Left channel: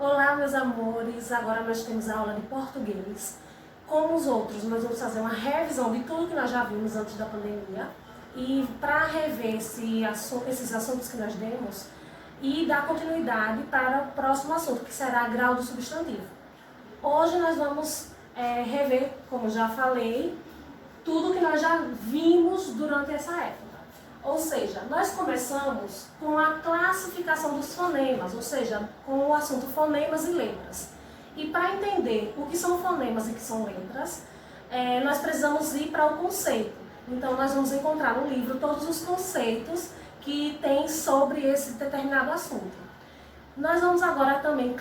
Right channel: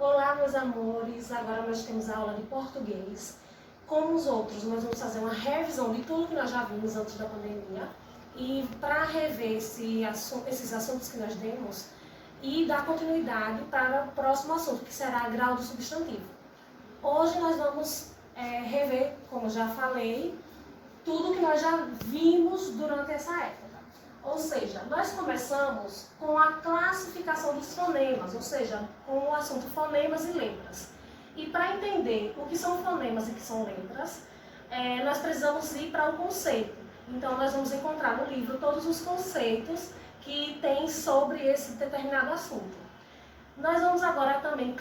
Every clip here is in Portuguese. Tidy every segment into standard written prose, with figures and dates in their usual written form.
Olá, meus amores! Agora nós temos a aula de português. Como os outros, nós vamos fazer uma revisão de tudo que nós já vimos antes da pandemia. E para rever esses assuntos que nós demos e dar continuidade para o próximo assunto, que será grau do substantivo. Hoje nós vamos rever, como já falei, tudo que nós já vimos durante essa época. Ou seja, nós começamos com a classificação dos fonemas, ou seja, com o assunto fonemas e letras. E para entender o que são fonemas e o que são letras, nós precisamos ir para o conceito. Então, nós vamos encontrar no livro todos os conceitos que tem sobre esse determinado assunto. Nós vamos agora também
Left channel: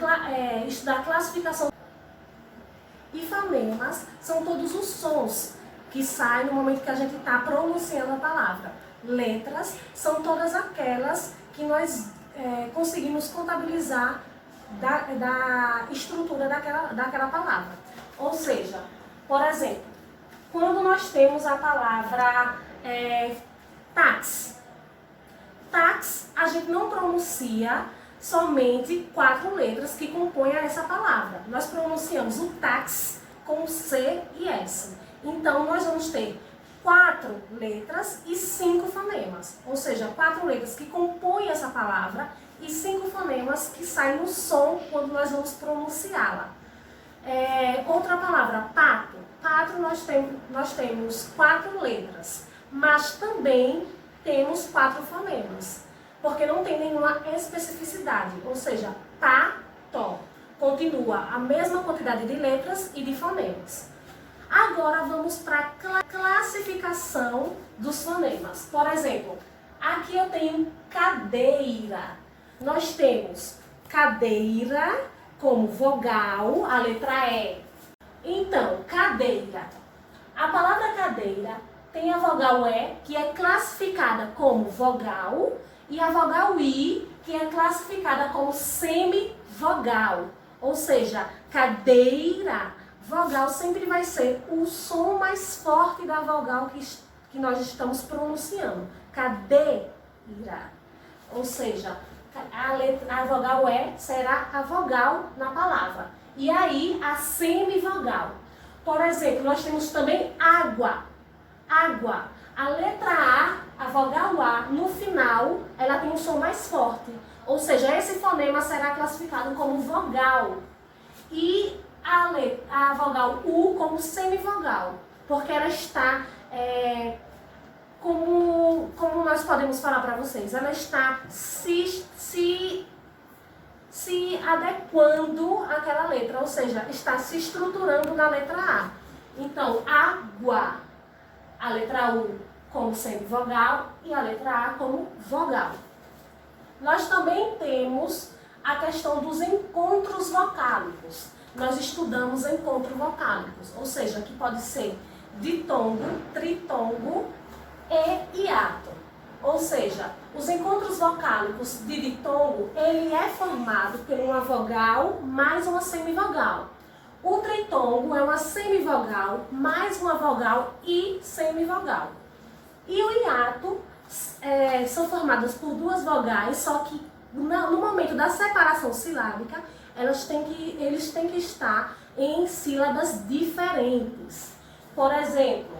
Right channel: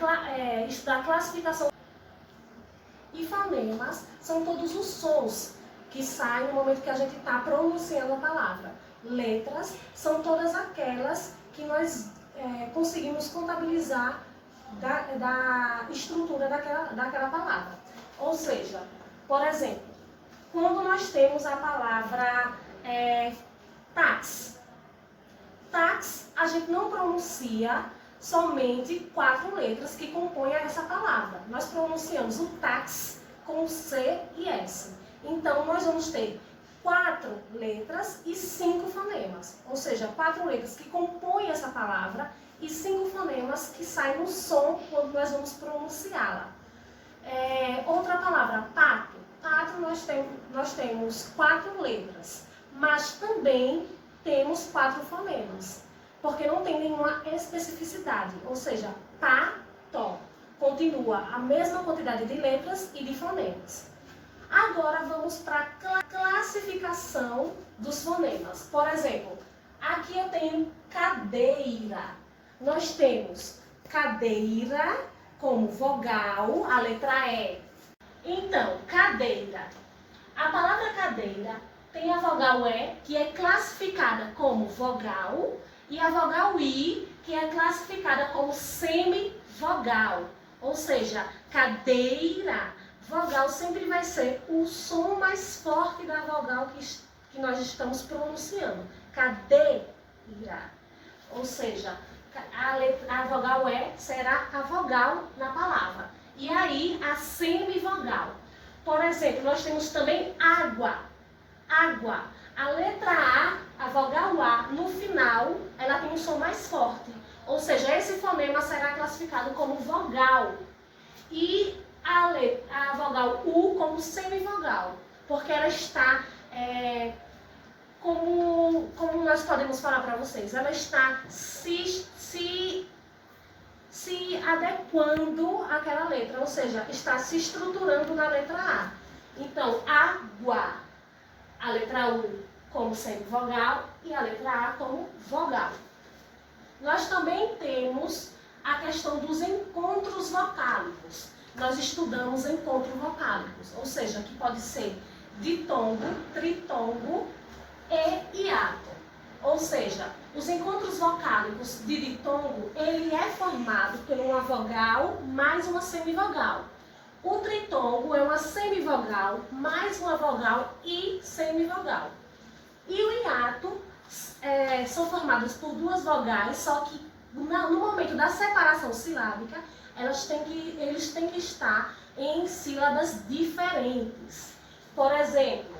estudar a classificação. E fonemas são todos os sons que saem no momento que a gente está pronunciando a palavra. Letras são todas aquelas que nós conseguimos contabilizar da estrutura daquela palavra. Ou seja, por exemplo, quando nós temos a palavra táxi. Táxi, a gente não pronuncia somente 4 letras que compõem essa palavra. Nós pronunciamos o táxi com C e S. Então, nós vamos ter 4 letras e 5 fonemas. Ou seja, 4 letras que compõem essa palavra e 5 fonemas que saem no som quando nós vamos pronunciá-la. Outra palavra, pato. Pato nós temos 4 letras, mas também temos 4 fonemas, porque não tem nenhuma especificidade. Ou seja, pato continua a mesma quantidade de letras e de fonemas. Agora vamos para a classificação dos fonemas. Por exemplo, aqui eu tenho cadeira. Nós temos cadeira como vogal, a letra E. Então, cadeira. A palavra cadeira tem a vogal E, que é classificada como vogal, e a vogal I, que é classificada como semivogal. Ou seja, cadeira, vogal sempre vai ser o som mais forte da vogal que nós estamos pronunciando. Cadeira. Ou seja, a vogal E será a vogal na palavra. E aí, a semivogal. Por exemplo, nós temos também água. Água. A letra A vogal A, no final, ela tem um som mais forte. Ou seja, esse fonema será classificado como vogal. E a vogal U como semivogal, porque ela está, como nós podemos falar para vocês, ela está se adequando àquela letra, ou seja, está se estruturando na letra A. Então, água, a letra U como semivogal e a letra A como vogal. Nós também temos a questão dos encontros vocálicos. Nós estudamos encontros vocálicos, ou seja, que pode ser ditongo, tritongo e hiato. Ou seja, os encontros vocálicos de ditongo, ele é formado por uma vogal mais uma semivogal. O tritongo é uma semivogal mais uma vogal e semivogal. E o hiato são formados por 2 vogais, só que no momento da separação silábica, eles têm que estar em sílabas diferentes. Por exemplo,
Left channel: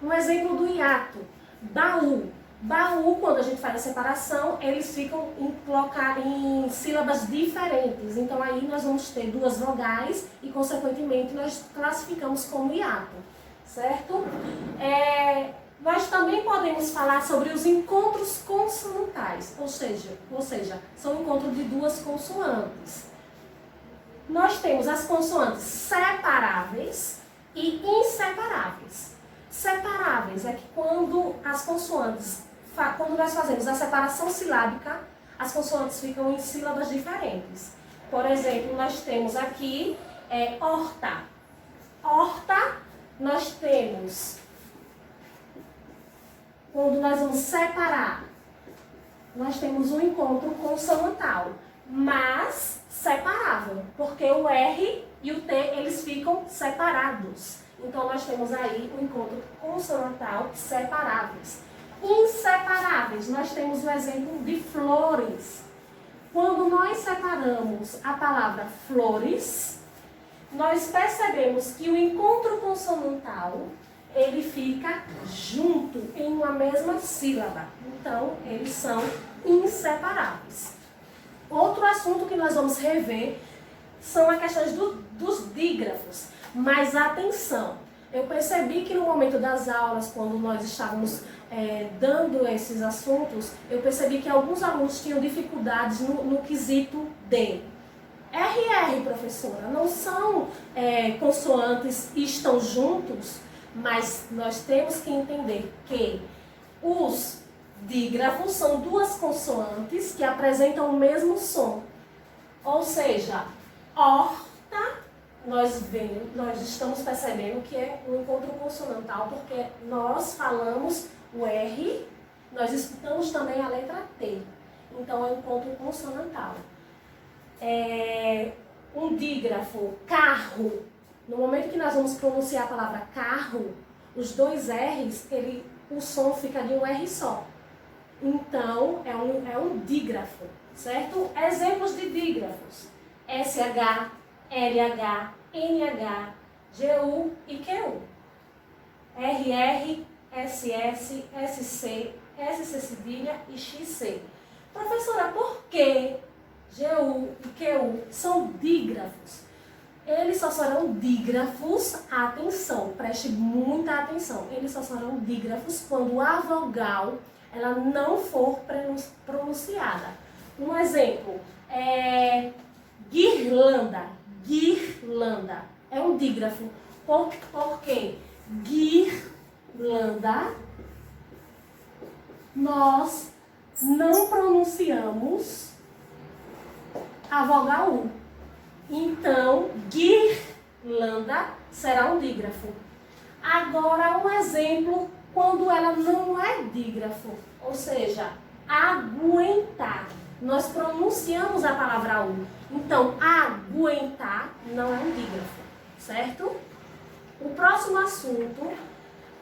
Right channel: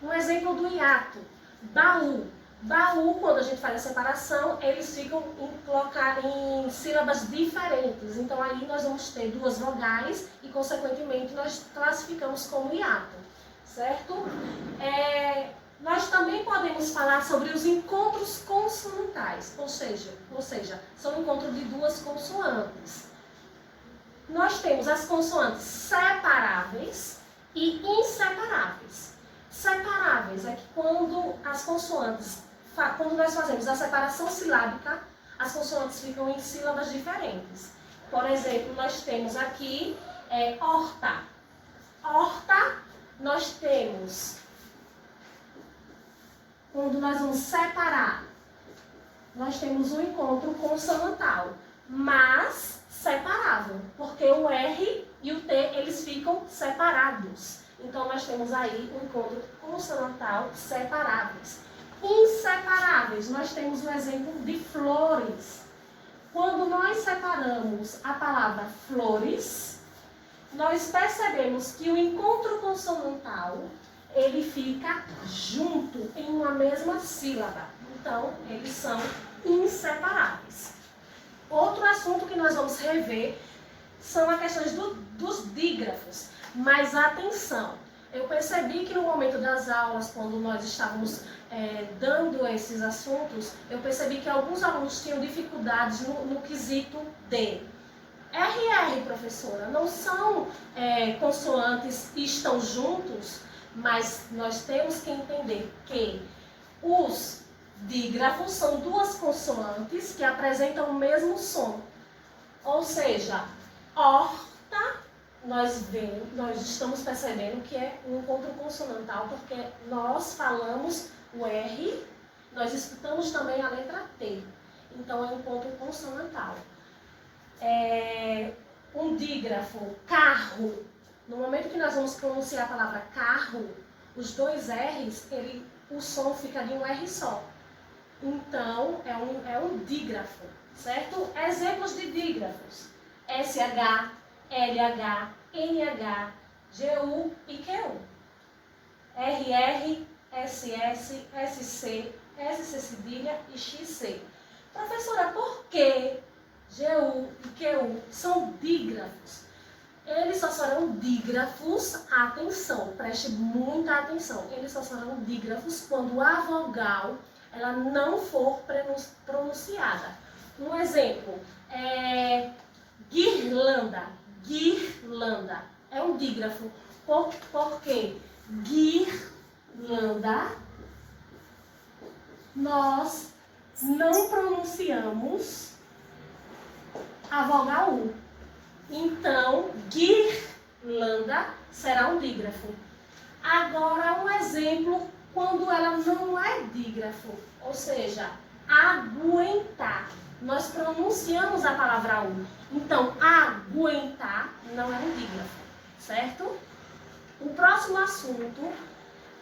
um exemplo do hiato, baú. Baú, quando a gente faz a separação, eles ficam em sílabas diferentes. Então, aí nós vamos ter 2 vogais e, consequentemente, nós classificamos como hiato, certo? Nós também podemos falar sobre os encontros consonantais, ou seja, são encontros de 2 consoantes. Nós temos as consoantes separáveis e inseparáveis. Separáveis é que quando nós fazemos a separação silábica, as consoantes ficam em sílabas diferentes. Por exemplo, nós temos aqui horta. Horta, nós temos, quando nós vamos separar, nós temos um encontro consonantal, mas separável, porque o R e o T, eles ficam separados. Então, nós temos aí um encontro consonantal separáveis. Inseparáveis, nós temos o exemplo de flores. quando nós separamos a palavra flores, nós percebemos que o encontro consonantal, ele fica junto em uma mesma sílaba. Então, eles são inseparáveis. Outro assunto que nós vamos rever são as questões dos dígrafos. Mas atenção, eu percebi que no momento das aulas, quando nós estávamos dando esses assuntos, eu percebi que alguns alunos tinham dificuldades no quesito D. RR, professora, não são consoantes e estão juntos, mas nós temos que entender que os dígrafos são duas consoantes que apresentam o mesmo som. Ou seja, horta, nós estamos percebendo que é um encontro consonantal, porque nós falamos o R, nós escutamos também a letra T. Então, é um encontro consonantal. Um dígrafo, carro. No momento que nós vamos pronunciar a palavra carro, os dois R's, o som fica de um R só. Então, é um dígrafo, certo? Exemplos de dígrafos: SH, LH, NH, GU e QU. RR, SS, SC, SC cedilha e XC. Professora, por que GU e QU são dígrafos? Eles só serão dígrafos, atenção, preste muita atenção, eles só serão dígrafos quando a vogal ela não for pronunciada. Um exemplo é guirlanda. Guirlanda é um dígrafo, porque guirlanda nós não pronunciamos a vogal U. Então, guirlanda será um dígrafo. Agora, um exemplo quando ela não é dígrafo, ou seja, aguentar. Nós pronunciamos a palavra U. Então, aguentar não é um dígrafo, certo? O próximo assunto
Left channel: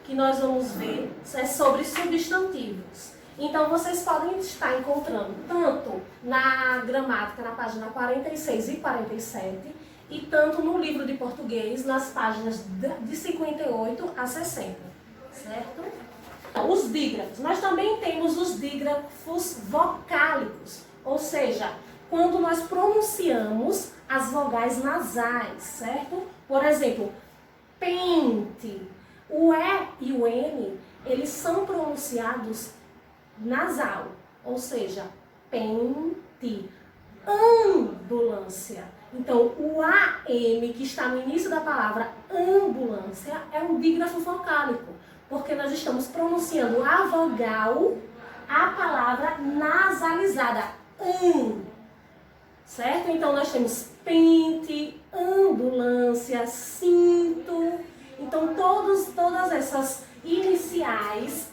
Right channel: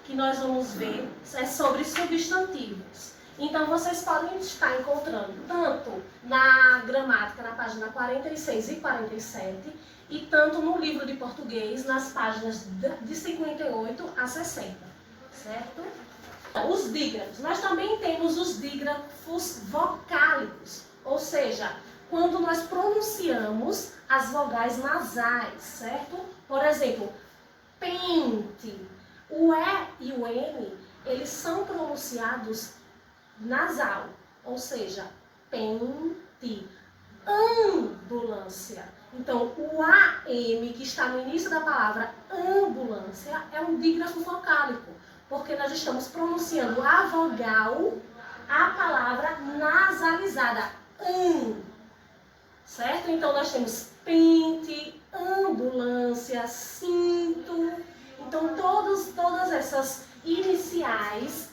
que nós vamos ver é sobre substantivos. Então, vocês podem estar encontrando tanto na gramática, na página 46 e 47, e tanto no livro de português, nas páginas de 58 a 60, certo? Os dígrafos. Nós também temos os dígrafos vocálicos, ou seja, quando nós pronunciamos as vogais nasais, certo? Por exemplo, pente. O E e o N, eles são pronunciados nasal, ou seja, pente. Ambulância. Então, o AM, que está no início da palavra ambulância, é um dígrafo vocálico, porque nós estamos pronunciando a vogal, a palavra nasalizada, certo? Então, nós temos pente, ambulância, cinto. Então, todas essas iniciais,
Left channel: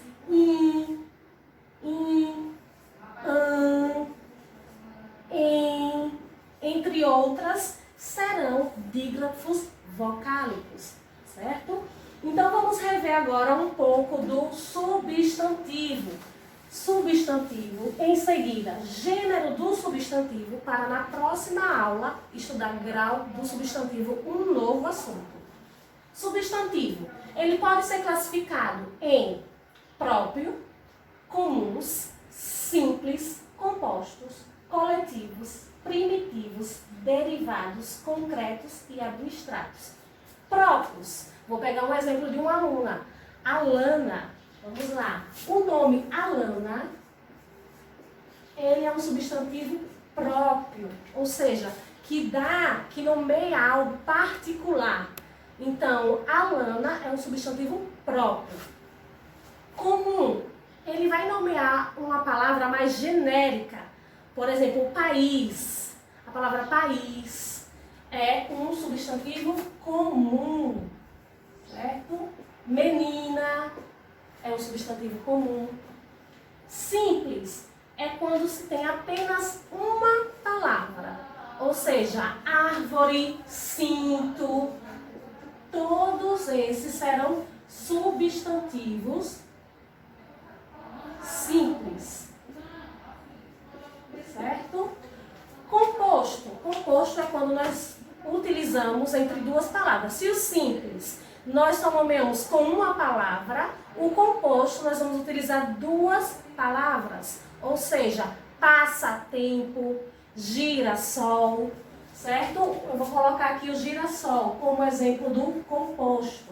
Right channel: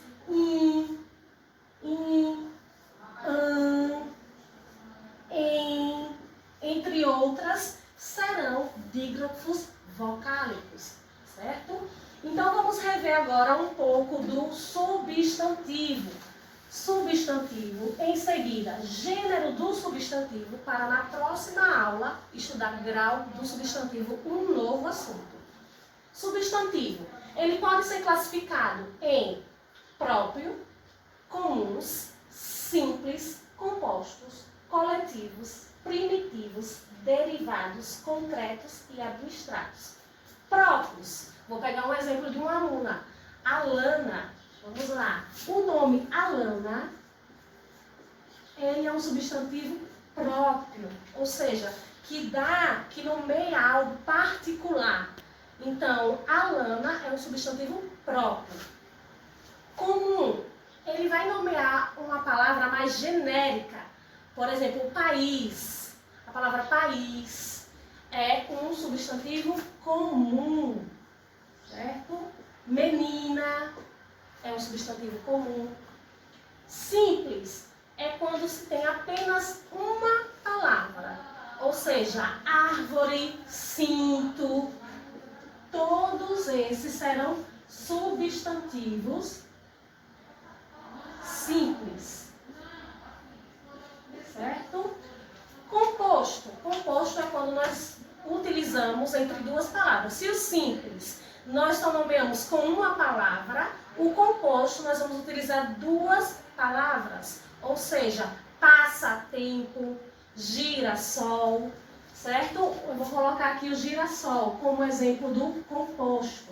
entre outras, serão dígrafos vocálicos, certo? Então, vamos rever agora um pouco do substantivo. Substantivo, em seguida, gênero do substantivo, para na próxima aula estudar grau do substantivo, um novo assunto. Substantivo, ele pode ser classificado em próprio, comuns, simples, compostos, coletivos, primitivos, derivados, concretos e abstratos. Próprios, vou pegar um exemplo de uma aluna, Alana. Vamos lá. O nome Alana, ele é um substantivo próprio, ou seja, que nomeia algo particular. Então, Alana é um substantivo próprio. Comum, ele vai nomear uma palavra mais genérica. Por exemplo, país. A palavra país é um substantivo comum, certo? Menina é um substantivo comum. Simples é quando se tem apenas uma palavra, ou seja, árvore, cinto. Todos esses serão substantivos simples, certo? utilizamos entre duas palavras. Se o simples nós só nomeamos com uma palavra, o composto nós vamos utilizar duas palavras. Ou seja, passatempo, girassol, certo? Eu vou colocar aqui o girassol como exemplo do composto.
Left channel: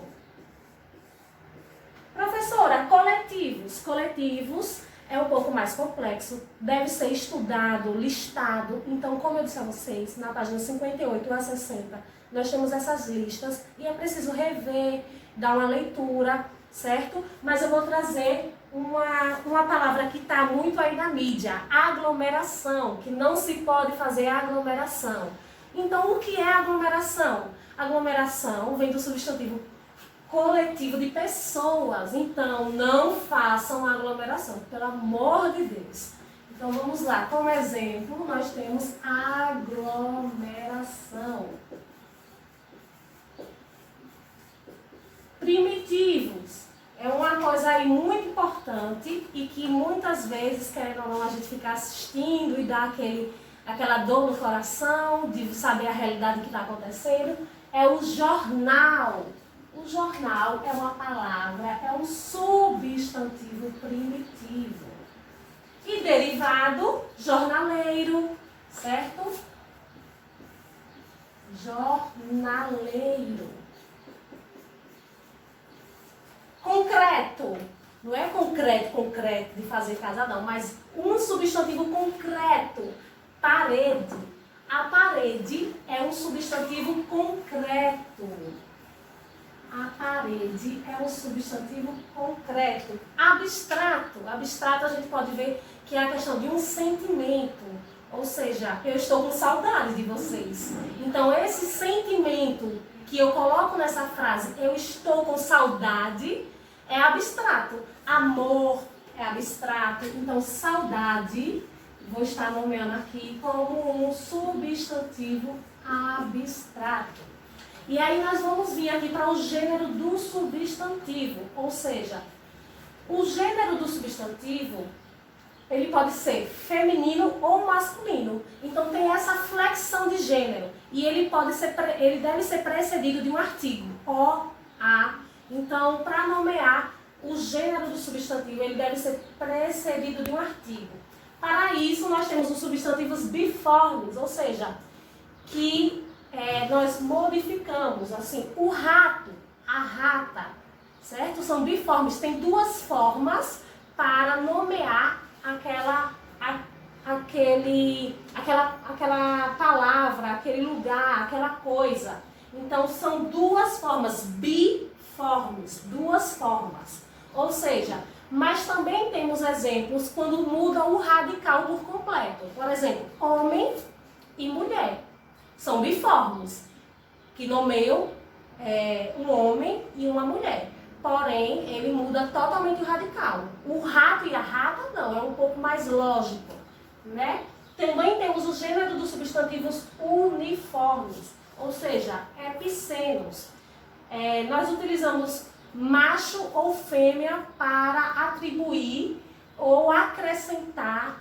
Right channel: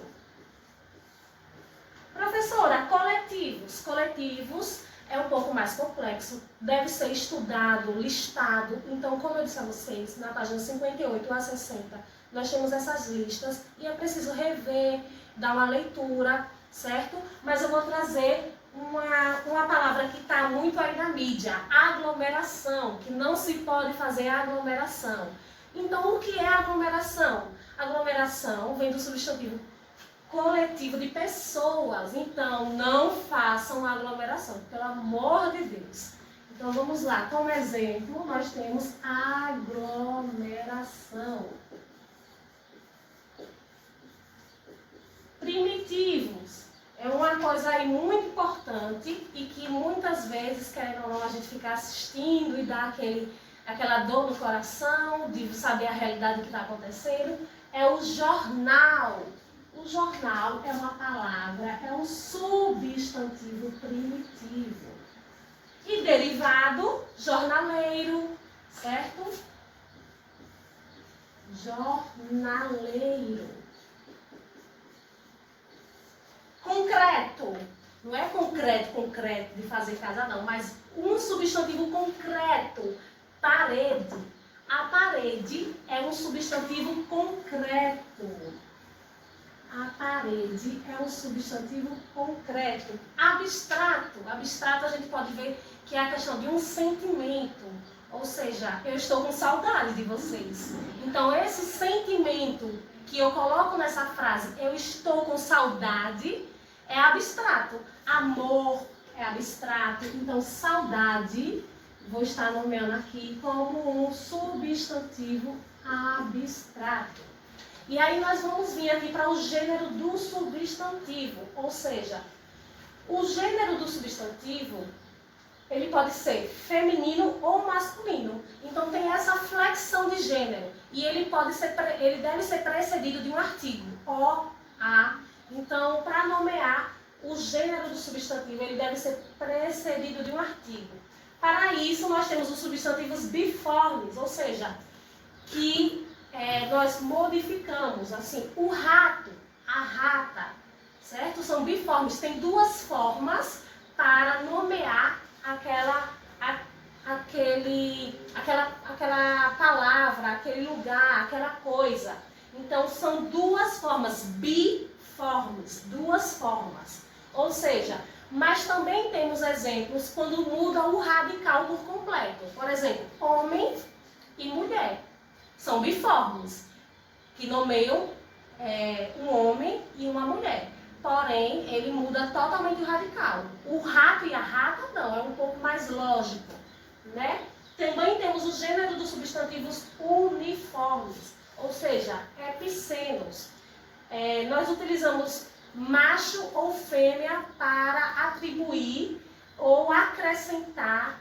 Professora, coletivos. Coletivos é um pouco mais complexo, deve ser estudado, listado. Então, como eu disse a vocês, na página 58 a 60, nós temos essas listas e é preciso rever, dar uma leitura, certo? Mas eu vou trazer uma palavra que está muito aí na mídia, aglomeração, que não se pode fazer aglomeração. Então, o que é aglomeração? Aglomeração vem do substantivo coletivo de pessoas. Então, não façam aglomeração, pelo amor de Deus. Então, vamos lá. Como exemplo, nós temos aglomeração. Primitivos. É uma coisa aí muito importante e que muitas vezes, querendo ou não, a gente fica assistindo e dá aquela dor no coração de saber a realidade que está acontecendo. É o jornal. O jornal é uma palavra, é um substantivo primitivo. E derivado, jornaleiro, certo? Jornaleiro. Concreto. Não é concreto de fazer casa não, mas um substantivo concreto. Parede. A parede é um substantivo concreto. A parede é um substantivo concreto. Abstrato. Abstrato a gente pode ver que é a questão de um sentimento. Ou seja, eu estou com saudade de vocês. Então, esse sentimento que eu coloco nessa frase, eu estou com saudade, é abstrato. Amor é abstrato. Então, saudade, vou estar nomeando aqui como um substantivo abstrato. E aí nós vamos vir aqui para o gênero do substantivo, ou seja, o gênero do substantivo, ele pode ser feminino ou masculino. Então tem essa flexão de gênero e ele deve ser precedido de um artigo, o, a. Então, para nomear o gênero do substantivo, ele deve ser precedido de um artigo. Para isso, nós temos os substantivos biformes, ou seja, que nós modificamos, assim, o rato, a rata, certo? São biformes, tem duas formas para nomear aquela palavra, aquele lugar, aquela coisa. Então, são duas formas, biformes, duas formas. Ou seja, mas também temos exemplos quando muda o radical por completo. Por exemplo, homem e mulher. São biformes, que nomeiam um homem e uma mulher. Porém, ele muda totalmente o radical. O rato e a rata não, é um pouco mais lógico, né? Também temos o gênero dos substantivos uniformes, ou seja, epicenos. Nós utilizamos macho ou fêmea para atribuir ou acrescentar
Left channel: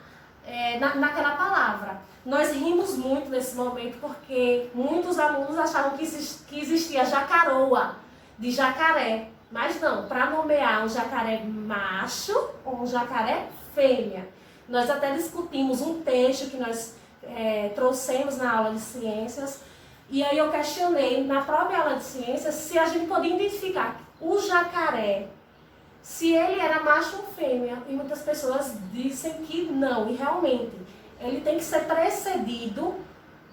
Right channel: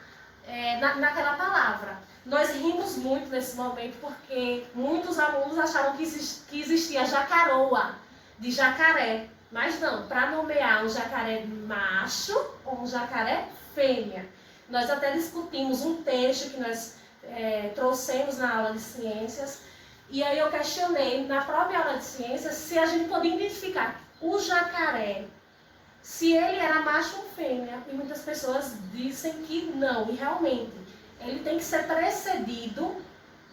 naquela palavra. Nós rimos muito nesse momento porque muitos alunos achavam que existia jacaroa, de jacaré. Mas não, para nomear um jacaré macho ou um jacaré fêmea. Nós até discutimos um texto que nós trouxemos na aula de ciências. E aí eu questionei na própria aula de ciências se a gente podia identificar o jacaré, se ele era macho ou fêmea. E muitas pessoas dizem que não, e realmente. Ele tem que ser precedido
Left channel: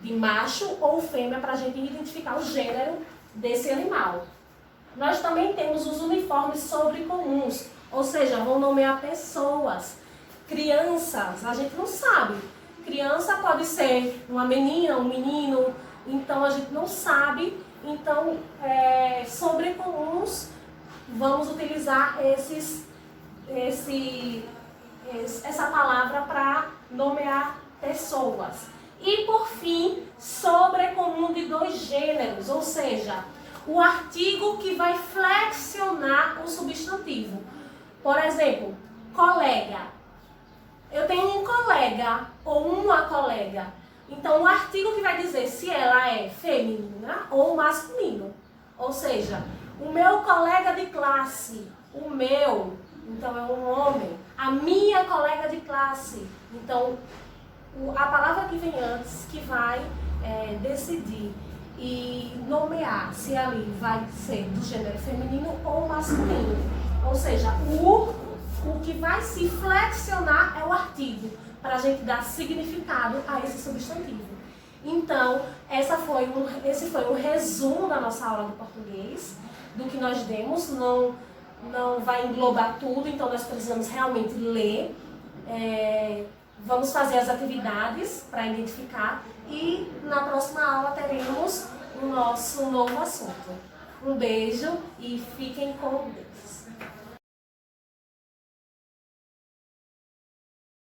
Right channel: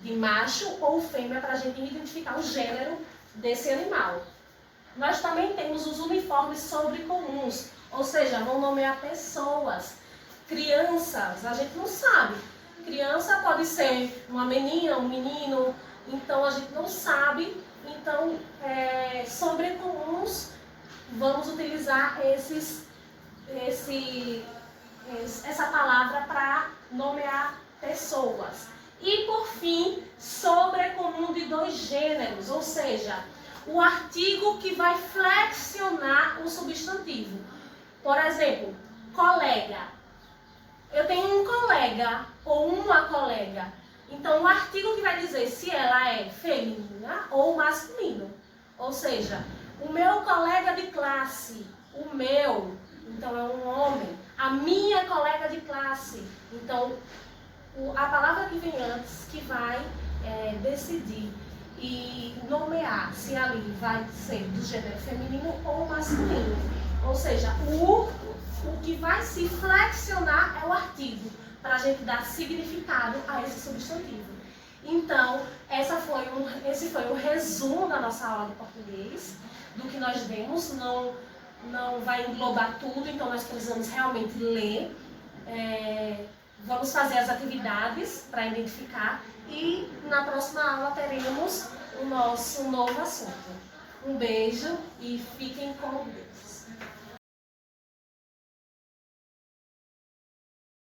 de macho ou fêmea para a gente identificar o gênero desse animal. Nós também temos os uniformes sobrecomuns, ou seja, vão nomear pessoas, crianças, a gente não sabe. Criança pode ser uma menina, um menino, então a gente não sabe. Então, sobrecomuns, vamos utilizar essa palavra para nomear pessoas. E por fim, sobrecomum de dois gêneros, ou seja, o artigo que vai flexionar o substantivo. Por exemplo, colega. Eu tenho um colega ou uma colega. Então, o artigo que vai dizer se ela é feminina ou masculino. Ou seja, o meu colega de classe, o meu, então é um homem. A minha colega de classe, então a palavra que vem antes que vai decidir e nomear se ali vai ser do gênero feminino ou masculino. Ou seja, o que vai se flexionar é o artigo, para a gente dar significado a esse substantivo. Então, esse foi um resumo da nossa aula de português, do que nós demos. Não vai englobar tudo, então nós precisamos realmente ler. Vamos fazer as atividades para identificar e na próxima aula teremos o nosso novo assunto. Um beijo e fiquem com Deus.